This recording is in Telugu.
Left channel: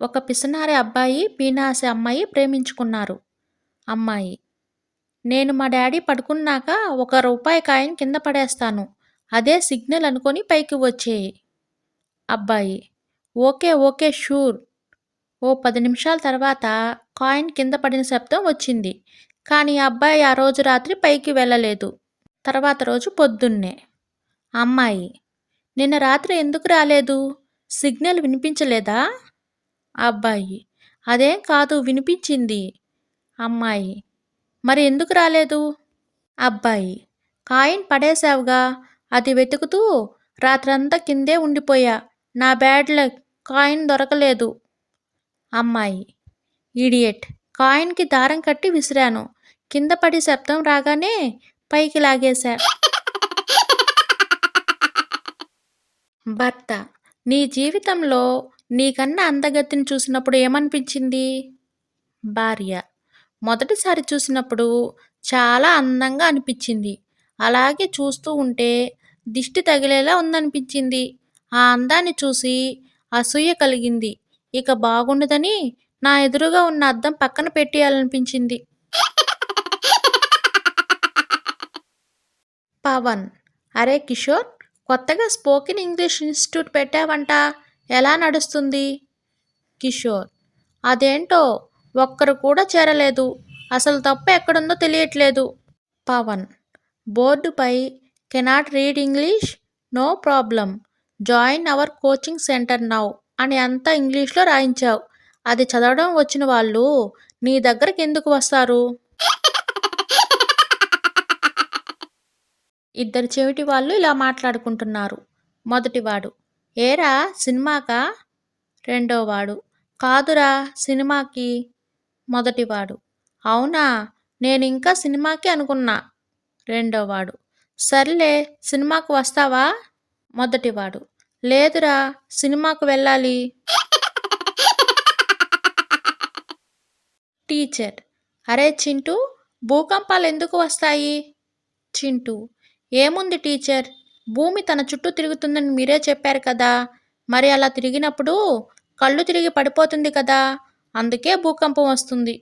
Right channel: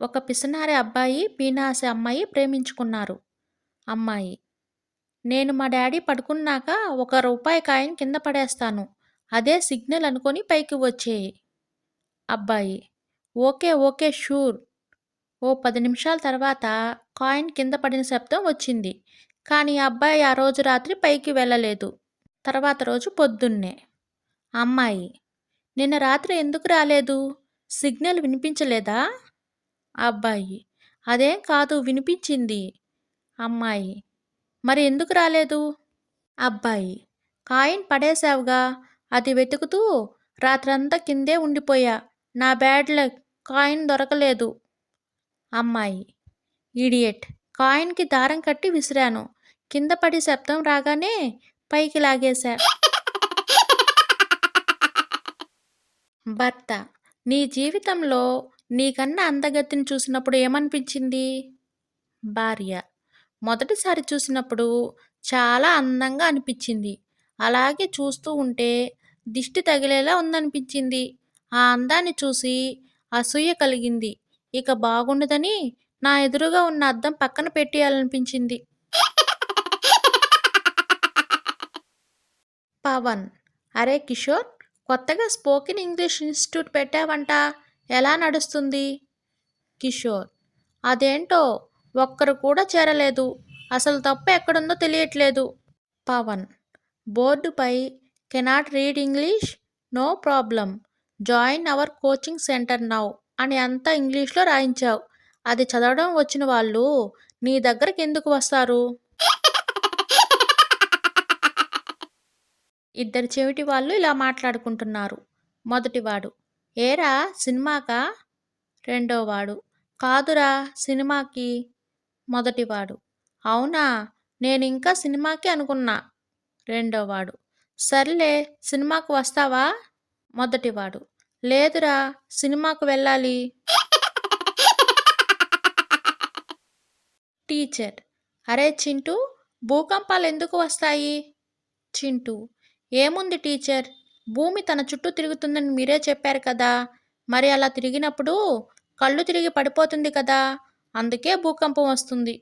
ఒక పిసినారి అబ్బాయి, పీనాసి అమ్మాయి ప్రేమించుకున్నారు. అమ్మాయి: నేను మా డాడీ పడుకున్నాక రూ. 1 కాయిన్ కింద పడేస్తాను. అదే సిగ్నల్ అనుకొని పైకి వచ్చేయి. అబ్బాయి: ఓకే ఓకే షూర్. ఓ 10 నిమిషాల తర్వాత కాయిన్ కింద పడిన శబ్దం వచ్చింది. కానీ ఆ అబ్బాయి ఆ రోజు రాత్రి పైకి వెళ్ళలేదు. తర్వాత రోజు పొద్దున్నే. అమ్మాయి: నిన్న రాత్రి ఎందుకు రాలేదు? సిగ్నల్ వినిపించలేదా? అబ్బాయి: అదేం కాదు, వినిపించింది. అమ్మాయి: మరి ఎందుకు రాలేదు? అబ్బాయి: కాయిన్ పడేశావుగా, అది వెతుకుతూ రాత్రంతా కిందే ఉండిపోయా. నా బ్యాడ్ లక్, కాయిన్ దొరకలేదు. అమ్మాయి: ఇడియట్, కాయిన్కి దారం కట్టి విసిరాను. కింద పడి శబ్దం రాగానే పైకి లాగేశా. భర్త: నీ జీవితంలో నీకన్నా అందగతిని చూసినప్పుడు ఏమనిపించింది? భార్య: మొదటిసారి చూసినప్పుడు చాలా అందంగా అనిపించింది. అలాగే చూస్తూ ఉంటే దిష్టి తగిలేలా ఉందనిపించింది. ఆ అందాన్ని చూసి అసూయ కలిగింది. ఇక బాగుండదని నా ఎదురుగా ఉన్న అద్దం పక్కన పెట్టేయాలనిపించింది. పవన్: అరే కిషోర్, కొత్తగా స్పోకెన్ ఇంగ్లీష్ ఇన్స్టిట్యూట్ పెట్టావంట, ఎలా నడుస్తుంది? కిషోర్: అదేంటో ఒక్కరు కూడా చేరలేదు. అసలు తప్పు ఎక్కడుందో తెలియట్లేదు. పవన్: బోర్డుపై cannot read English, no problem, join our coaching centre now అని అంతా ఇంగ్లీష్లో రాయించావు. అది చదవడం వచ్చిన వాళ్ళు నీ దగ్గరకు ఎందుకు వస్తారు? ఇద్దరు చెవిటి వాళ్ళు ఇలా మాట్లాడుకుంటున్నారు. మొదటివాడు: ఏరా సినిమాకా? రెండోవాడు: కాదురా, సినిమాకి. మొదటివాడు: అవునా, నేనింకా సినిమాకి అనుకున్నా. రెండోవాడు: సర్లే, సినిమాకు వస్తావా? మొదటివాడు: లేదురా, సినిమాకు వెళ్ళాలి. టీచర్: అరే చింటూ, భూకంపాలు ఎందుకు వస్తాయి? చింటూ: ఏముంది టీచర్, భూమి తన చుట్టూ తిరుగుతుందని మీరే చెప్పారు కదా. మరి అలా తిరిగినప్పుడు కళ్ళు తిరిగి పడిపోతుంది కదా, అందుకే భూకంపం వస్తుంది.